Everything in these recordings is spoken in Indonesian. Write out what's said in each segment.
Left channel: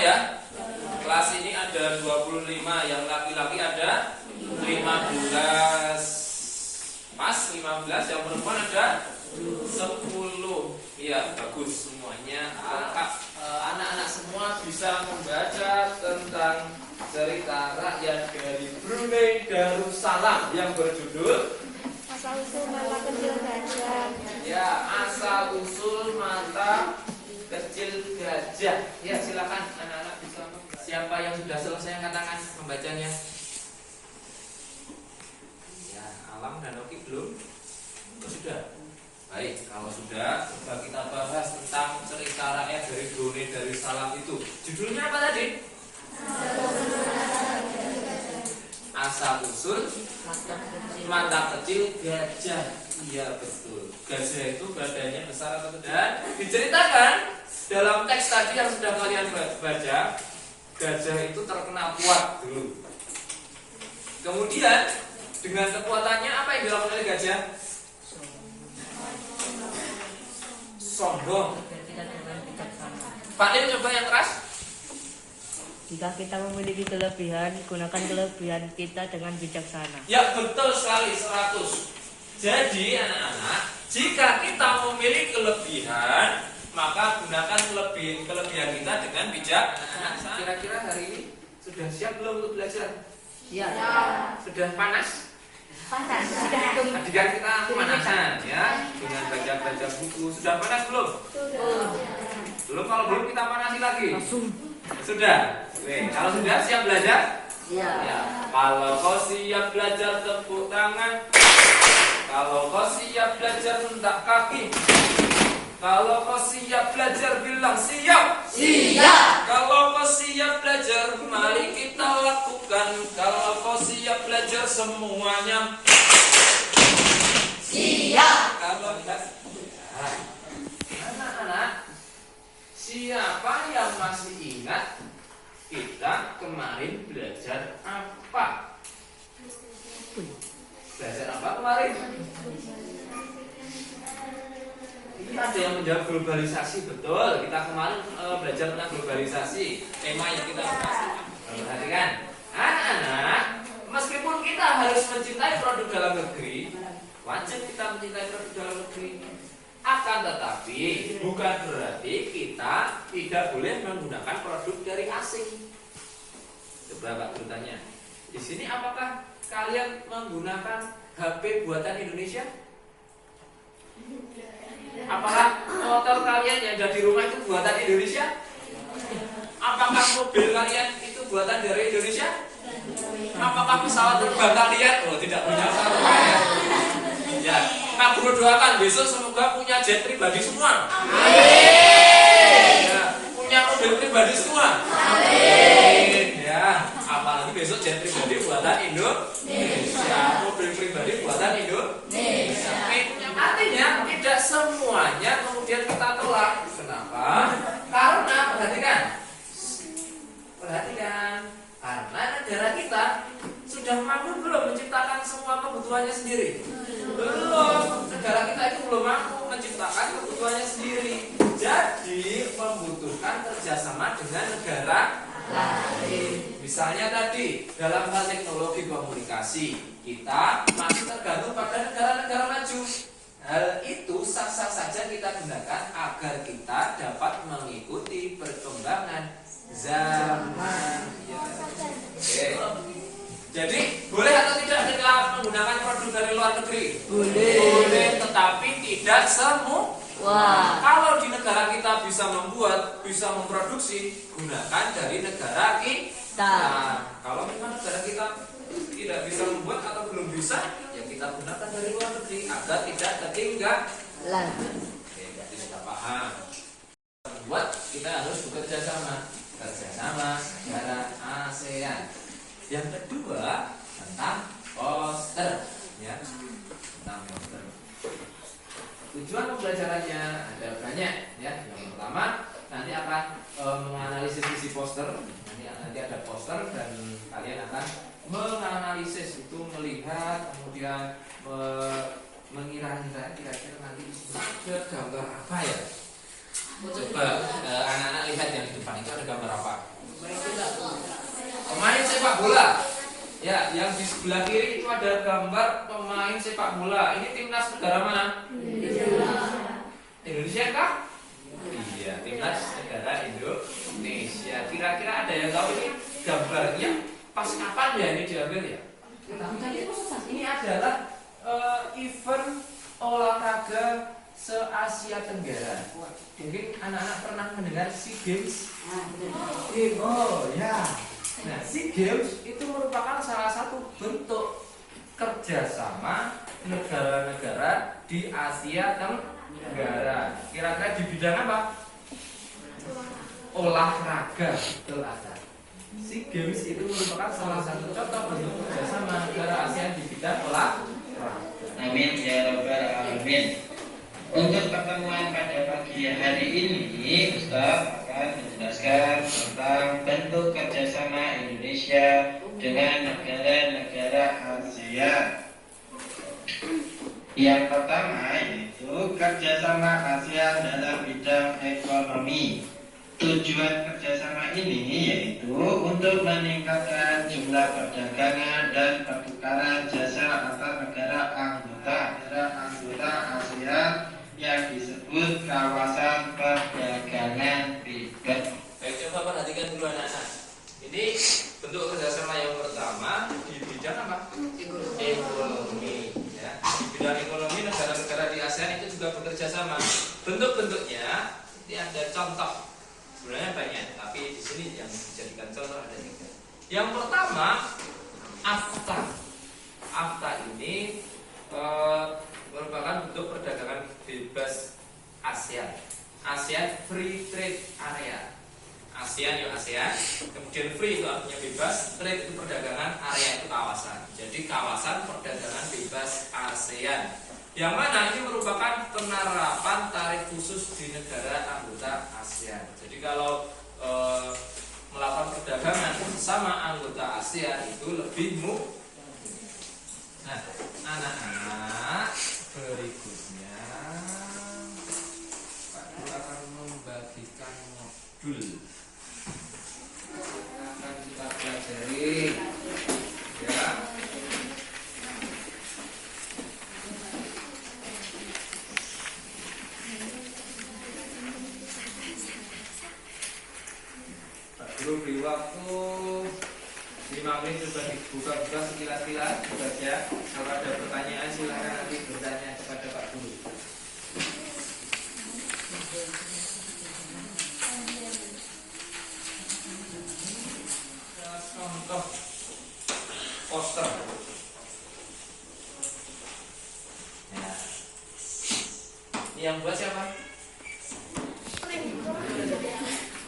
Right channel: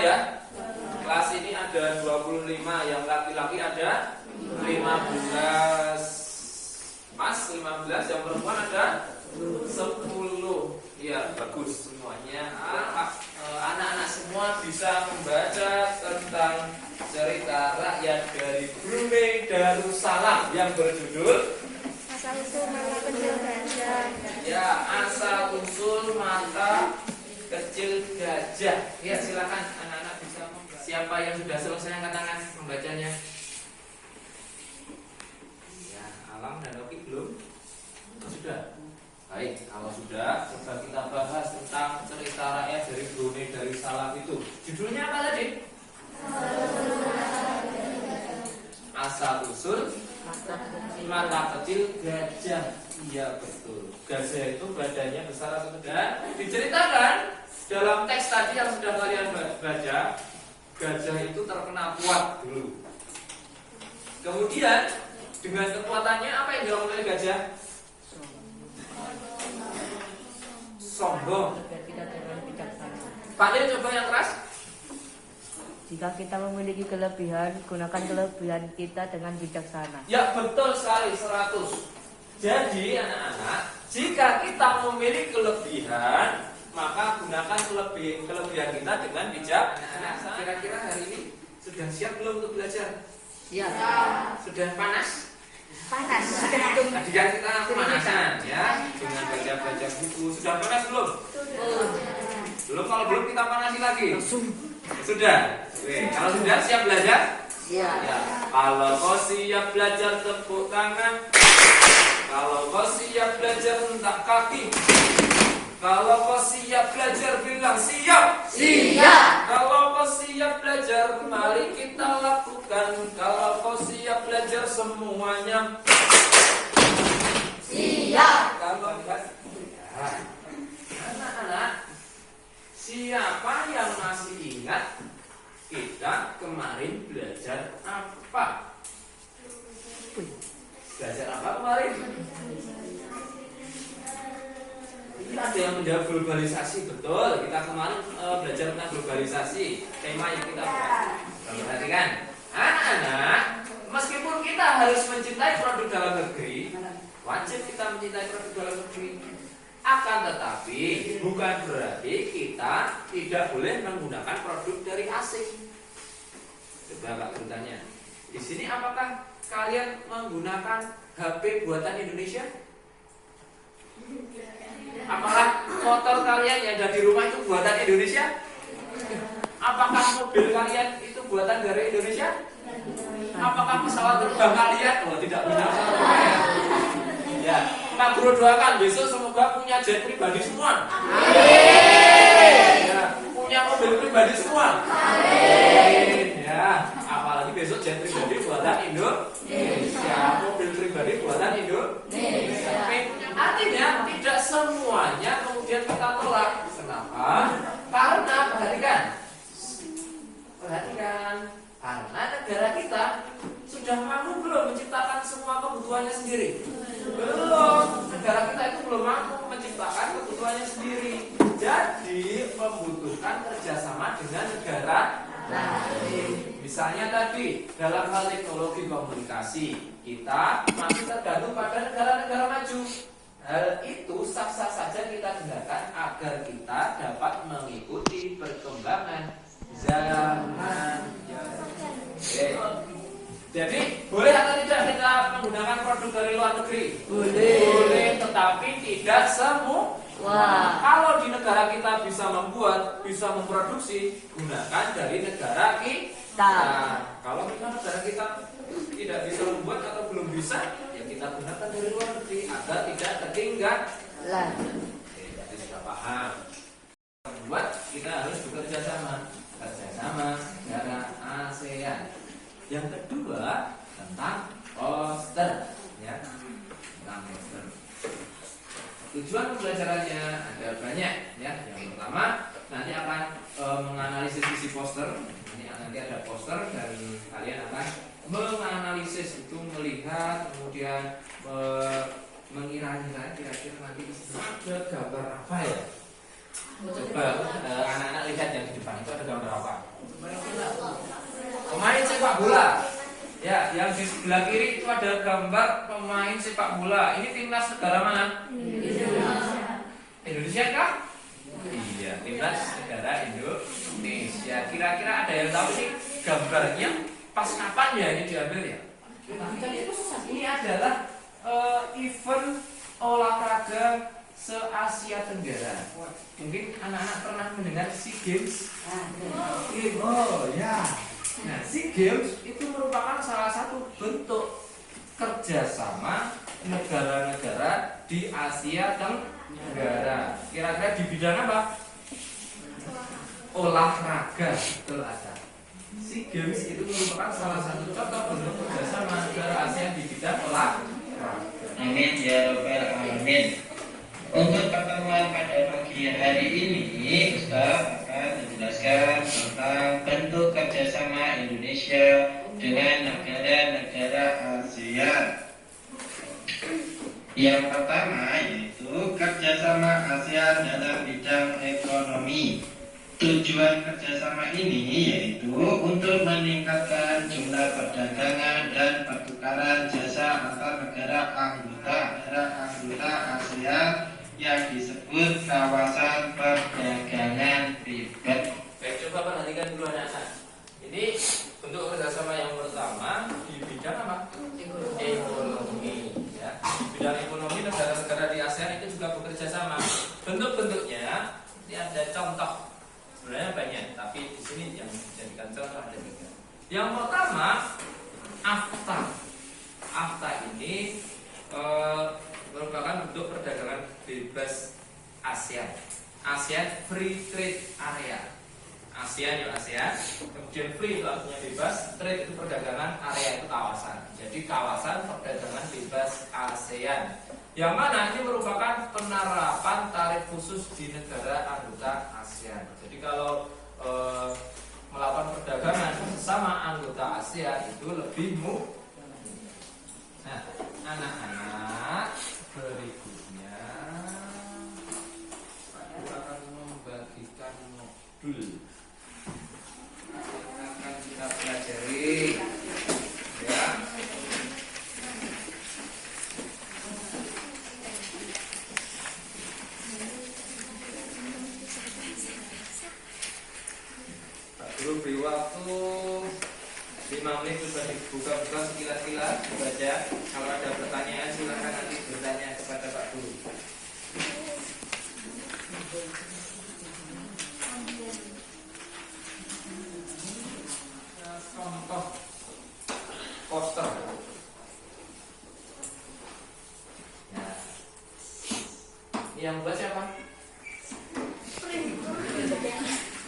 ya? Kelas ini ada 25, yang laki-laki ada 15. Mas 15, yang perempuan ada 10. Iya, bagus semuanya. Anak-anak semua bisa membaca tentang cerita rakyat dari Brunei Darussalam yang berjudul Asal usul mata kecil gajah. ya, asal usul mata kecil gajah. Ya, silakan anak-anak bisa membaca. Siapa yang sudah selesai angkat tangan membacanya? Ya, Alam dan Oki belum? Oh, sudah. Baik, kalau sudah, coba kita bahas tentang cerita rakyat dari Brunei Darussalam itu. Judulnya apa tadi? Asal usul mata kecil gajah. Iya, betul. Gajah itu badannya besar atau tidak? Diceritakan dalam teks tadi yang sudah kalian baca, gajah itu terkenal kuat dulu. Kemudian dengan kekuatannya apa yang dilakukan oleh gajah? Sombong. Pak Lil coba yang keras. Jika kita memiliki kelebihan, gunakan kelebihan kita dengan bijaksana. Ya, betul sekali, 100. Jadi anak-anak, jika kita memiliki kelebihan, maka gunakan kelebihan kita dengan bijaksana. Kira-kira hari ini sudah siap belum untuk belajar? Ya. Sudah panas? Panas. Tadi kan kita pemanasan ya, dengan baca-baca buku. Sudah panas belum? Belum, kalau belum kita panasi lagi. Sudah. Oke, kalau sudah siap belajar? Ya. Ya. Kalau kau siap belajar tepuk tangan. Kalau kau siap belajar hentak kaki. Kalau kau siap belajar bilang siap. Siap. Kalau kau siap belajar mari kita lakukan. Kalau kau siap belajar semuanya. Siap. Kalau enggak, anak-anak, siapa yang masih ingat kita kemarin belajar apa? Belajar apa kemarin? Ini ada yang menjawab globalisasi, betul. Kita kemarin belajar tentang globalisasi. Tema yang kita bahas. Perhatikan, anak-anak, meskipun kita harus mencintai produk dalam negeri, wajib kita mencintai produk dalam negeri. Akan tetapi bukan berarti kita tidak boleh menggunakan produk dari asing. Coba Pak bertanya, di sini apakah kalian menggunakan HP buatan Indonesia? Apakah motor kalian yang ada di rumah itu buatan Indonesia? Apakah mobil kalian itu buatan dari Indonesia? Apakah pesawat terbang kalian? Oh, tidak punya pesawat terbang ya. Ya, Kak Guru doakan besok semoga punya jet pribadi semua. Amin. Ya, punya mobil pribadi semua. Amin. Ya, apalagi besok jet pribadi buatan Indonesia, mobil pribadi buatan Indonesia. Artinya tidak semuanya kemudian kita tolak. Kenapa? Karena perhatikan, karena negara kita sudah mampu belum menciptakan semua kebutuhannya sendiri? Belum. Negara kita itu belum mampu menciptakan kebutuhannya sendiri. Jadi membutuhkan kerjasama dengan negara lain. Misalnya tadi dalam hal teknologi komunikasi kita masih tergantung pada negara-negara maju. Hal itu sah-sah saja kita gunakan agar kita dapat mengikuti perkembangan zaman. Oke. Jadi boleh atau tidak kita menggunakan produk dari luar negeri? Boleh, tetapi tidak semua. Kalau di negara kita bisa membuat, bisa memproduksi, gunakan dari negara kita. Kalau memang negara kita tidak bisa membuat atau belum bisa, ya kita gunakan dari luar negeri agar tidak ketinggalan. Oke, berarti sudah paham. Membuat kita harus bekerja sama negara ASEAN. Yang kedua tentang poster, ya, tentang poster. Tujuan pembelajarannya ada banyak, ya. Yang pertama nanti akan menganalisis isi poster. Nanti ada poster dan kalian akan menganalisis, itu melihat, kemudian mengira-ngira kira-kira nanti di sini ada gambar apa ya. Coba anak-anak lihat yang di depan itu ada gambar apa? Pemain sepak bola. Ya, yang di sebelah kiri itu ada gambar pemain sepak bola. Ini timnas negara mana? Indonesia kah? Iya, timnas negara Indonesia. Kira-kira ada yang tahu ini gambarnya pas kapan ya ini diambil ya? Tapi kan ini adalah event olahraga se-Asia Tenggara. Mungkin anak-anak pernah mendengar SEA Games? Oh ya. Nah, SEA Games itu merupakan salah satu bentuk kerjasama negara-negara di Asia Tenggara. Kira-kira di bidang apa? Olahraga. Betul ada. SEA Games itu merupakan salah satu contoh bentuk kerjasama negara ASEAN di bidang olahraga. Amin ya rabbal alamin. Untuk pertemuan pada pagi hari ini, Ustaz akan menjelaskan tentang bentuk kerjasama Indonesia dengan negara-negara ASEAN. Yang pertama yaitu kerjasama ASEAN dalam bidang ekonomi. Tujuan kerjasama ini yaitu untuk meningkatkan jumlah perdagangan dan pertukaran jasa antar negara anggota ASEAN yang disebut kawasan perdagangan bebas. Baik, coba perhatikan dulu anak-anak. Ini bentuk kerjasama yang pertama di bidang apa? Ekonomi. Ya. Di bidang ekonomi negara-negara di ASEAN itu juga bekerja sama. Bentuk-bentuknya ini ada contoh. Sebenarnya banyak, tapi di sini yang dijadikan contoh ada 3. Yang pertama, AFTA. AFTA ini merupakan bentuk perdagangan bebas ASEAN. ASEAN Free Trade Area. ASEAN ya ASEAN. Kemudian free itu artinya bebas, trade itu perdagangan, area itu kawasan. Jadi kawasan perdagangan bebas ASEAN. Yang mana ini merupakan penerapan tarif khusus di negara anggota ASEAN. Jadi kalau melakukan perdagangan sama anggota ASEAN itu lebih mudah. Nah, anak-anak, berikutnya Pak Guru akan membagikan modul yang akan kita pelajari, ya. Pak Guru beri waktu 5 menit untuk dibuka-buka sekilas-kilas, dibaca. Kalau ada pertanyaan silakan nanti bertanya kepada Pak Guru. Contoh poster. Ya. Ini yang buat siapa?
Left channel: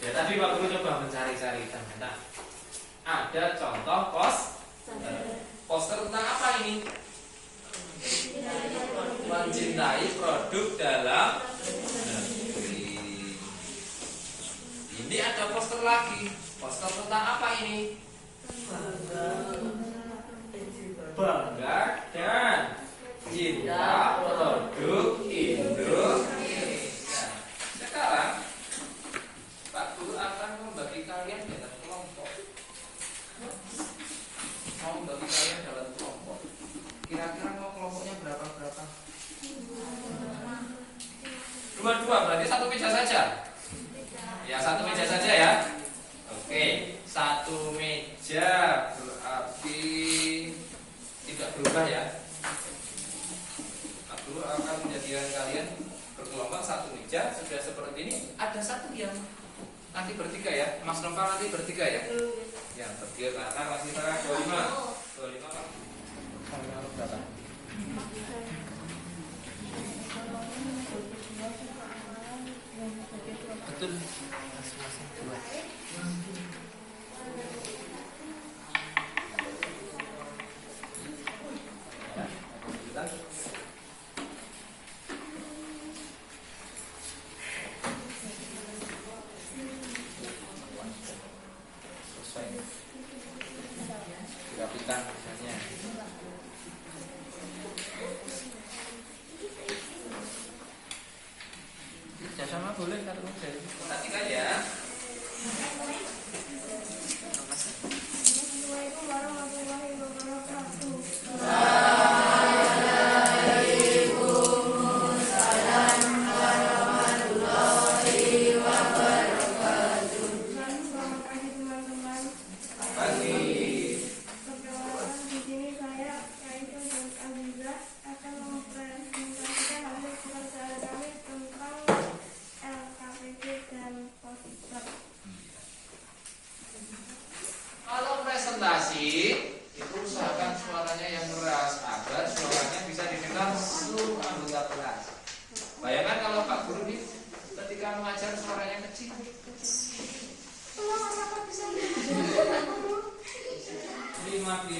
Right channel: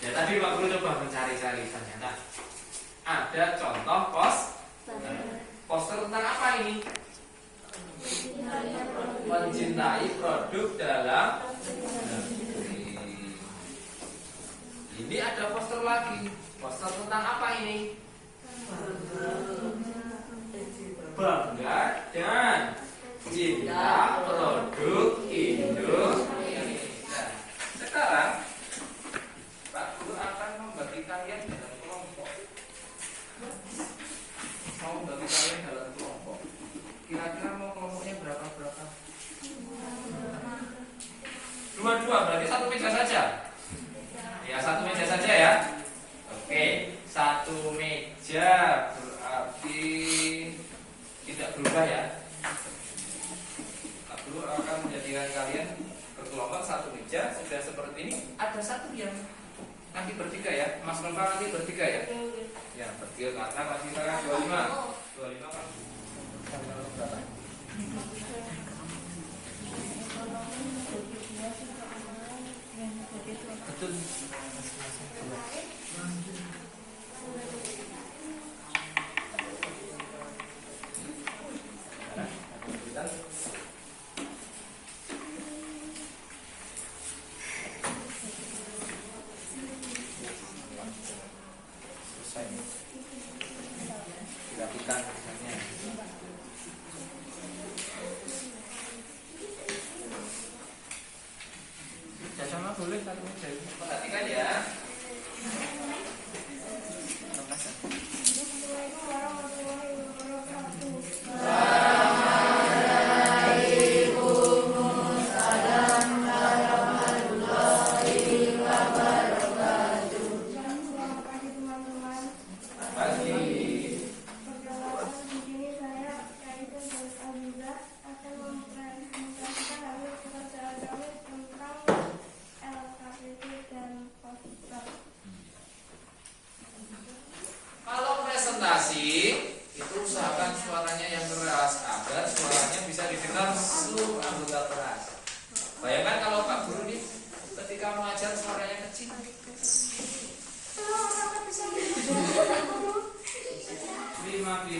Ya tadi Pak Guru coba mencari-cari, ternyata ada contoh poster tentang apa ini? Mencintai produk dalam negeri. Ini ada poster lagi. Poster tentang apa ini? Bangga dan cinta produk Indonesia. Sekarang Pak Guru akan membagi kalian dalam kelompok. Mau bagi kalian dalam kelompok. Kira-kira mau kelompoknya berapa? Dua-dua, berarti satu meja saja. Ya, satu meja saja ya. Oke, satu meja berarti tidak berubah ya. Pak Guru akan menjadikan kalian berkelompok satu meja. Sudah seperti ini, ada satu yang nanti bertiga ya. Mas Lempar nanti bertiga ya. Ya, bertiga karena masih sekarang 25 Pak. Tanggal berapa? Betul. Masing-masing dua. Selesai nih. Dirapikan misalnya. Sama boleh satu.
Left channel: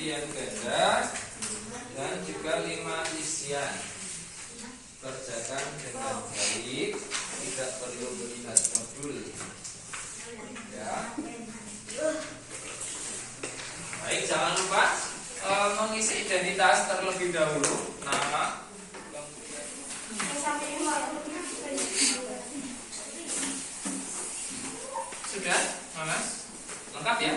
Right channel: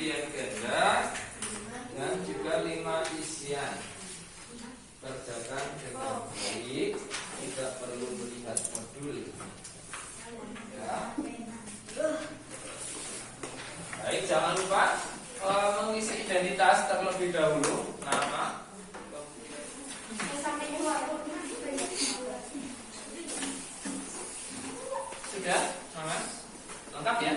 pilihan ganda dan juga 5 isian. Kerjakan dengan baik, tidak perlu melihat modul. Ya. Baik, jangan lupa mengisi identitas terlebih dahulu, nama. Sudah, Mas? Lengkap ya?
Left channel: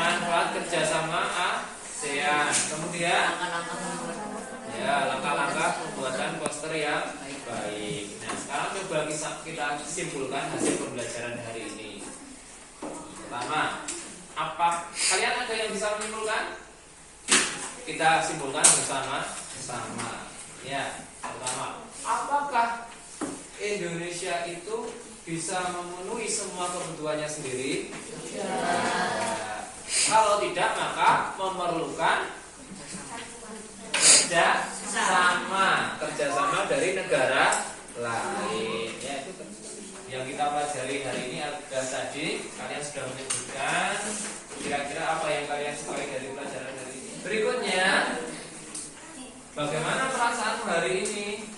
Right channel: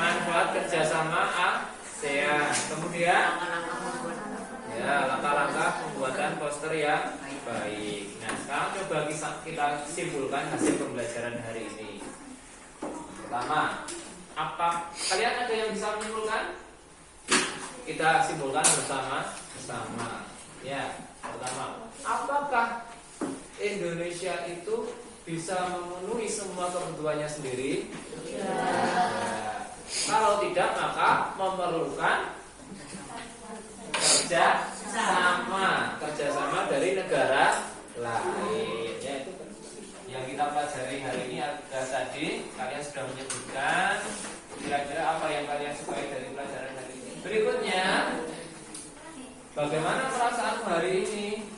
Manfaat kerjasama ASEAN. Kemudian, ya langkah-langkah pembuatan poster yang baik. Nah, sekarang coba kita simpulkan hasil pembelajaran hari ini. Pertama, apa kalian ada yang bisa menyimpulkan? Kita simpulkan bersama-sama. Ya, pertama, apakah Indonesia itu bisa memenuhi semua kebutuhannya sendiri? Ya. Kalau tidak, maka memerlukan kerjasama dari negara lain. Ya, itu yang kita pelajari hari ini ada tadi. Kalian sudah menyebutkan kira-kira apa yang kalian sukai dari pelajaran hari ini. Berikutnya, bagaimana perasaan hari ini?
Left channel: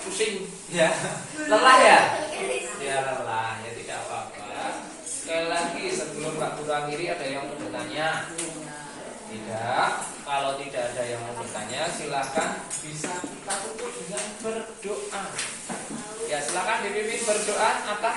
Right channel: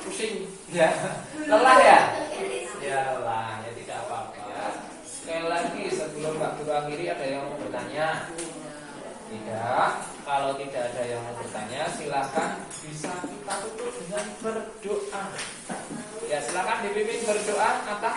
Pusing, ya, lelah ya, ya lelah, ya tidak apa-apa. Sekali lagi sebelum Pak Guru akhiri, ada yang mau bertanya? Tidak. Kalau tidak ada yang mau bertanya, silakan bisa kita tutup dengan berdoa. Ya, silakan dipimpin berdoa atas